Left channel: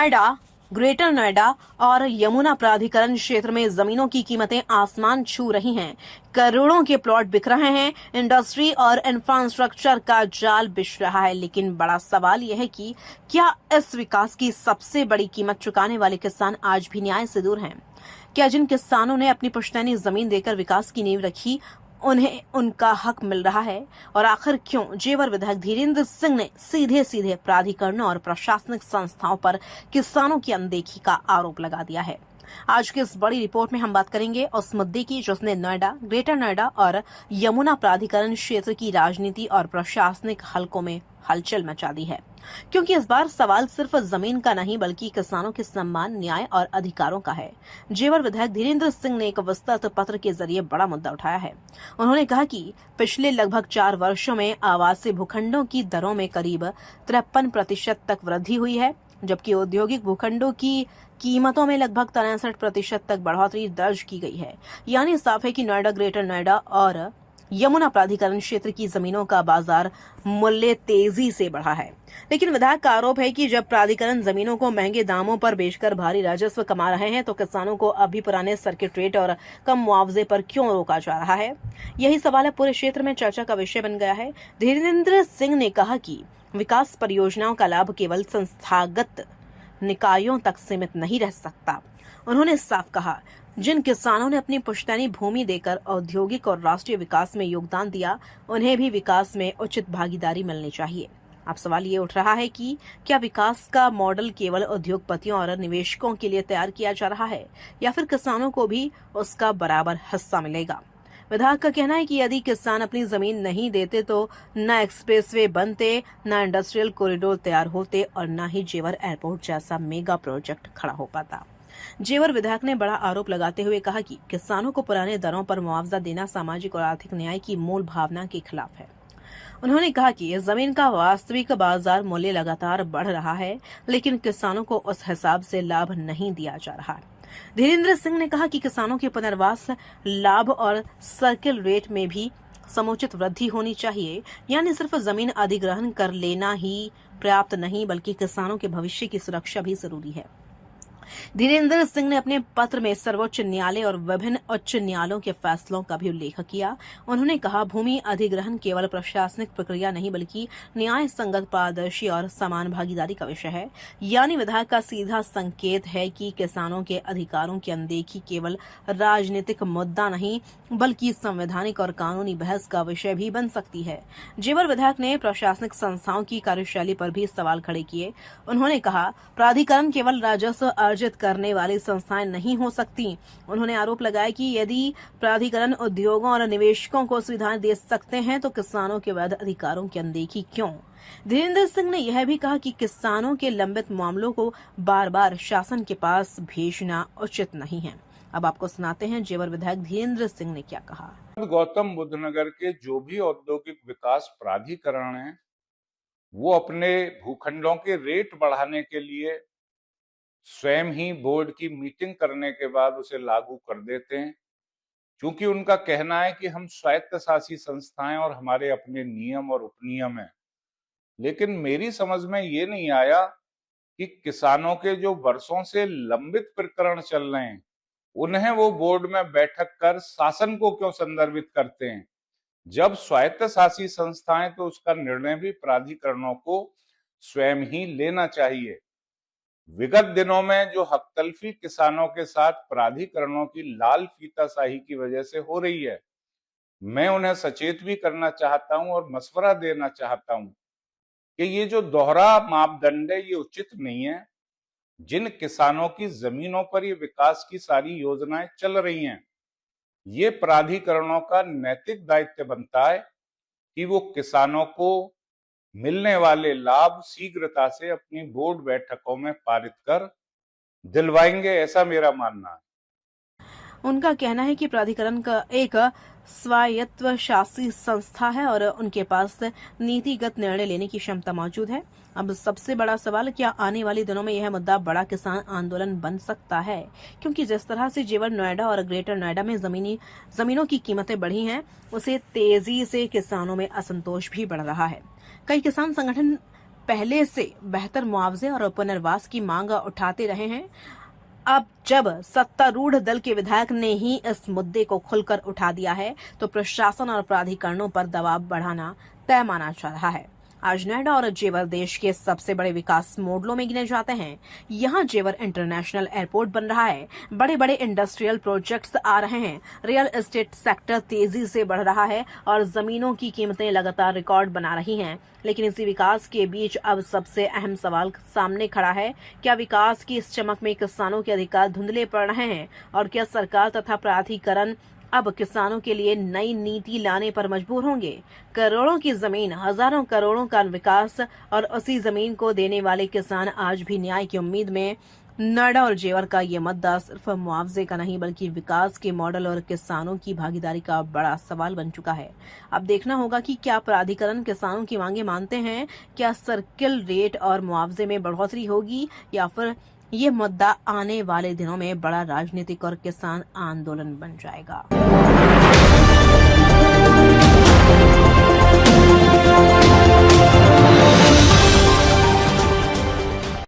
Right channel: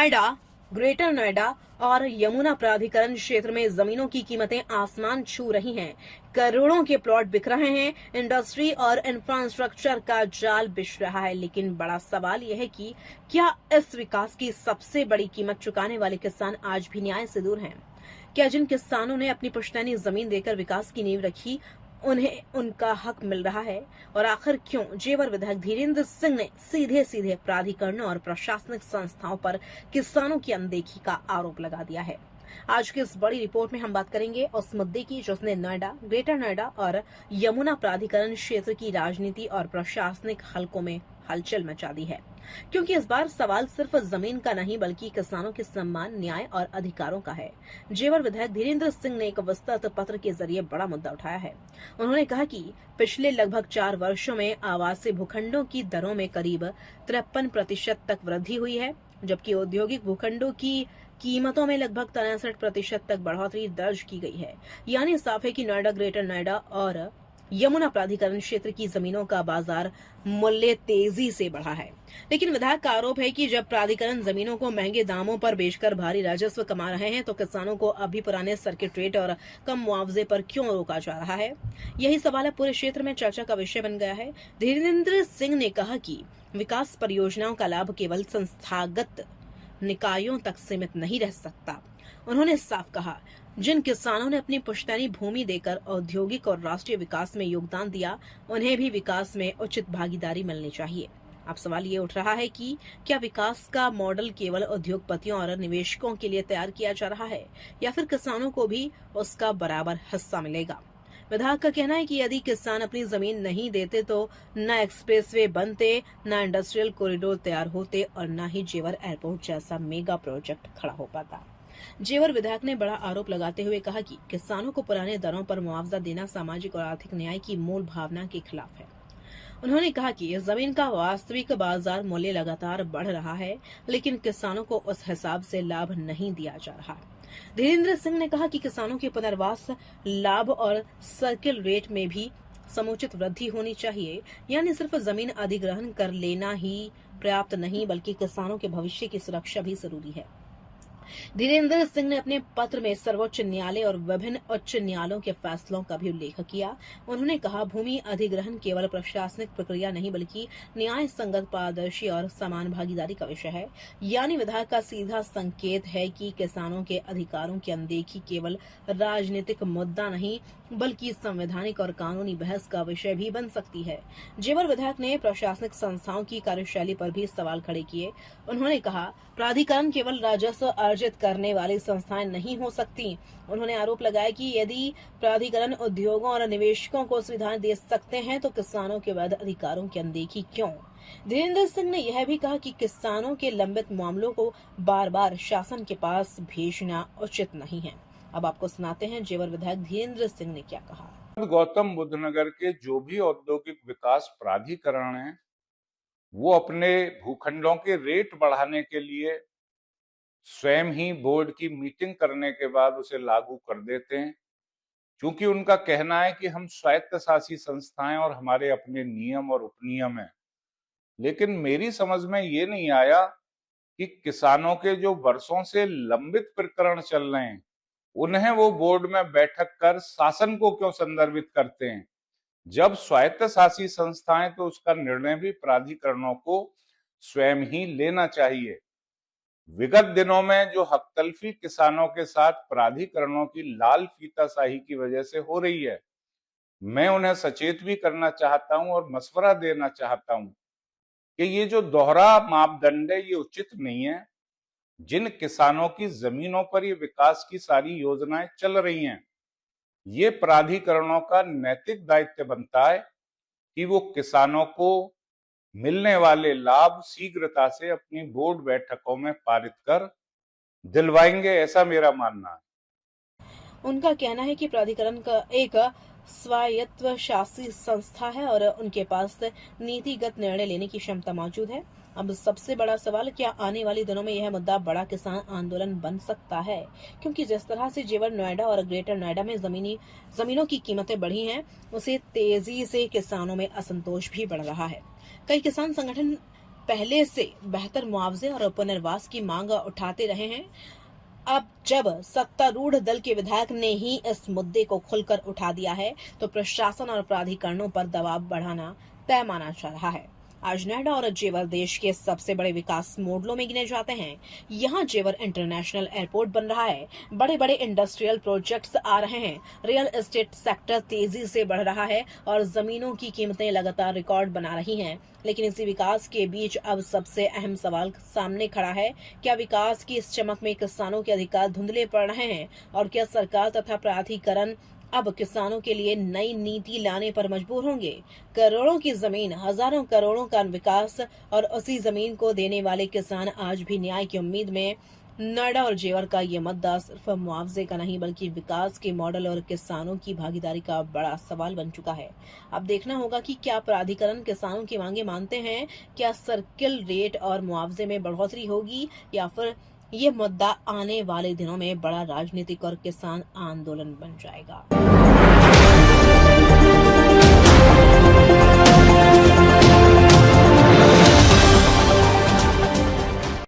Noida, greater Noida और यमुना प्राधिकरण क्षेत्र में जमीनों की कीमतें आसमान छू रही हैं। करोड़ों के प्लॉट बिक रहे हैं। इंडस्ट्री और इंफ्रास्ट्रक्चर का जाल बिछ रहा है। लेकिन बड़ा सवाल यह है कि क्या इस विकास की सबसे बड़ी कीमत चुकाने वाले किसान आज भी न्याय से दूर हैं? क्या जिन किसानों ने अपनी पुश्तैनी जमीन देकर विकास की नींव रखी, उन्हें उनका हक मिल रहा है? और आखिर क्यों जेवर विधायक धीरेन्द्र सिंह ने सीधे सीधे प्राधिकरणों और प्रशासनिक संस्थाओं पर किसानों की अनदेखी का आरोप लगा दिया है? आज की इस बड़ी रिपोर्ट में हम बात करेंगे उस मुद्दे की जिसने नोएडा, ग्रेटर नोएडा और यमुना प्राधिकरण क्षेत्र की राजनीति और प्रशासनिक हलकों में हलचल मचा दी है। क्योंकि इस बार सवाल सिर्फ जमीन का नहीं बल्कि किसानों के सम्मान, न्याय और अधिकारों का है। जेवर विधायक धीरेन्द्र सिंह ने एक विस्तृत पत्र के जरिए बड़ा मुद्दा उठाया है। उन्होंने कहा कि पिछले लगभग 4 वर्षों में आवासीय भूखंडों की दरों में करीब 53% तक वृद्धि हुई है, जबकि औद्योगिक भूखंडों की कीमतों में लगभग 63% तक बढ़ोतरी दर्ज की गई है। यानी साफ है कि नोएडा, ग्रेटर नोएडा और यमुना प्राधिकरण क्षेत्र की जमीनों का बाजार मूल्य तेजी से बढ़ा है। लेकिन विधायक का आरोप है कि जब प्राधिकरण जमीनों को महंगे दामों पर बेचकर भारी राजस्व कमा रहे हैं तो किसानों को अभी पुराने सर्किट रेट और कम मुआवजे पर क्यों रोका जा रहा है? यही सवाल है पूरे क्षेत्र में चर्चा का विषय बन गया है। धीरेन्द्र सिंह ने कहा कि विकास परियोजनाओं का लाभ केवल संस्थागत निकायों तक सीमित नहीं रह सकता। उन्होंने साफ कहा, जिन किसानों ने अपनी पुश्तैनी भूमि देकर औद्योगिक और राष्ट्रीय विकास में योगदान दिया, उन्हें भी विकास में उचित भागीदारी मिलनी चाहिए। अब सवाल ये उठ रहा है कि क्या विकास का मॉडल केवल उद्योगपतियों और निवेशकों के लिए तैयार किया जा रहा है या फिर किसानों को भी उसका बराबर हिस्सा मिलेगा? विधायक का कहना है कि यदि किसान अपनी जमीन नहीं देते तो न एक्सप्रेसवे बनते, न इंडस्ट्रियल कॉरिडोर तैयार होते और न ही जेवर एयरपोर्ट जैसा मेगा प्रोजेक्ट खड़ा हो पाता। जेवर विधायक ने बड़ा आरोप लगाते हुए कहा कि किसानों को पुराने दरों पर मुआवजा देना सामाजिक और आर्थिक न्याय की मूल भावना के खिलाफ है। उन्होंने कहा कि जमीन का वास्तविक बाजार मूल्य लगातार बढ़ रहा है, लेकिन किसानों को उस हिसाब से लाभ नहीं दिया जा रहा। धीरेन्द्र सिंह ने कहा कि किसानों के पुनर्वास लाभ और सर्किल रेट में भी समुचित वृद्धि होनी चाहिए। यानी सिर्फ जमीन अधिग्रहण कर लेना ही पर्याप्त नहीं बल्कि किसानों के भविष्य की सुरक्षा भी जरूरी है। धीरेन्द्र सिंह ने अपने पत्र में सर्वोच्च न्यायालय और विभिन्न उच्च न्यायालयों के फैसलों का भी उल्लेख किया। उन्होंने कहा, भूमि अधिग्रहण केवल प्रशासनिक प्रक्रिया नहीं बल्कि न्याय संगत, पारदर्शी और समान भागीदारी का विषय है। यानी विधायक का सीधा संकेत है कि किसानों के अधिकारों की अनदेखी केवल राजनीतिक मुद्दा नहीं बल्कि संवैधानिक और कानूनी बहस का विषय भी बन सकती है। जेवर विधायक ने प्रशासनिक संस्थाओं की कार्यशैली पर भी सवाल खड़े किए। उन्होंने कहा, प्राधिकरण केवल राजस्व अर्जित करने वाली संस्थाएं नहीं हो सकती। उन्होंने आरोप लगाया कि यदि प्राधिकरण उद्योगों और निवेशकों को सुविधाएं दे सकते हैं तो किसानों के वैध अधिकारों की अनदेखी क्यों? धीरेन्द्र सिंह ने यह भी कहा कि किसानों के लंबित मामलों को बार बार शासन के पास भेजना उचित नहीं है। अब आपको सुनाते हैं जेवर विधायक धीरेन्द्र सिंह ने क्या कहा। गौतम बुद्ध नगर के जो भी औद्योगिक विकास प्राधिकरण है वो अपने भूखंडों के रेट बढ़ाने के लिए स्वयं ही बोर्ड की मीटिंग करने के बाद उसे लागू कर देते हैं, क्योंकि उनका कहना है कि हम स्वायत्तशासी संस्थाएं और हमारे अपने नियम और उपनियम हैं। लेकिन मेरी समझ में ये नहीं आया कि किसानों के जो वर्षों से लंबित प्रकरण चल रहे हैं उन्हें वो बोर्ड में बैठक कर शासन को क्यों संदर्भित करते हैं। जब स्वायत्तशासी संस्थाएं तो उसका निर्णय भी प्राधिकरणों को स्वयं ही लेना चाहिए। विगत दिनों में जो हकतलफी किसानों के साथ प्राधिकरणों की लाल फीताशाही की वजह से हो रही है, मैं उन्हें सचेत भी करना चाहता हूं और मशवरा देना चाहता हूं कि ये जो दोहरा मापदंड है ये उचित नहीं है। जिन किसानों की जमीनों पर ये विकास की सारी योजनाएं चल रही हैं, ये प्राधिकरणों का नैतिक दायित्व बनता है कि वो किसानों को मिलने वाले लाभ शीघ्रता से अपनी बोर्ड बैठकों में पारित कर दिलवाएंगे, ऐसा मेरा मानना है। उनका कहना है कि प्राधिकरण का एक स्वायत्त शासी संस्था है और उनके पास नीतिगत निर्णय लेने की क्षमता मौजूद है। अब सबसे बड़ा सवाल, क्या आने वाले दिनों में यह मुद्दा बड़ा किसान आंदोलन बन सकता है? क्योंकि जिस तरह से जेवर नोएडा और ग्रेटर नोएडा में जमीनों की कीमतें बढ़ी हैं, उसे तेजी से किसानों में असंतोष भी बढ़ रहा है। कई किसान संगठन पहले से बेहतर मुआवजे और पुनर्वास की मांग उठाते रहे हैं। अब जब सत्तारूढ़ दल के विधायक ने ही इस मुद्दे को खुलकर उठा दिया है, तो प्रशासन और प्राधिकरणों पर दबाव बढ़ाना तय माना जा रहा है। आज नोएडा और जेवर देश के सबसे बड़े विकास मॉडलों में गिने जाते हैं। यहाँ जेवर इंटरनेशनल एयरपोर्ट बन रहा है, बड़े बड़े इंडस्ट्रियल प्रोजेक्ट्स आ रहे हैं, रियल एस्टेट सेक्टर तेजी से बढ़ रहा है और जमीनों की कीमतें लगातार रिकॉर्ड बना रही हैं। लेकिन इसी विकास के बीच अब सबसे अहम सवाल सामने खड़ा है, क्या विकास की इस चमक में किसानों के अधिकार धुंधले पड़ रहे हैं और क्या सरकार तथा प्राधिकरण अब किसानों के लिए नई नीति लाने पर मजबूर होंगे? करोड़ों की जमीन, हजारों करोड़ों का विकास और उसी जमीन को देने वाले किसान आज भी न्याय की उम्मीद में। नोएडा और जेवर का ये मुद्दा सिर्फ मुआवजे का नहीं बल्कि विकास के मॉडल और किसानों की भागीदारी का बड़ा सवाल बन चुका है। अब देखना होगा कि क्या प्राधिकरण किसानों की मांगे मानते हैं, क्या सर्किल रेट और मुआवजे में बढ़ोतरी होगी या फिर ये मुद्दा आने वाले दिनों में बड़ा राजनीतिक और किसान आंदोलन बन जाएगा।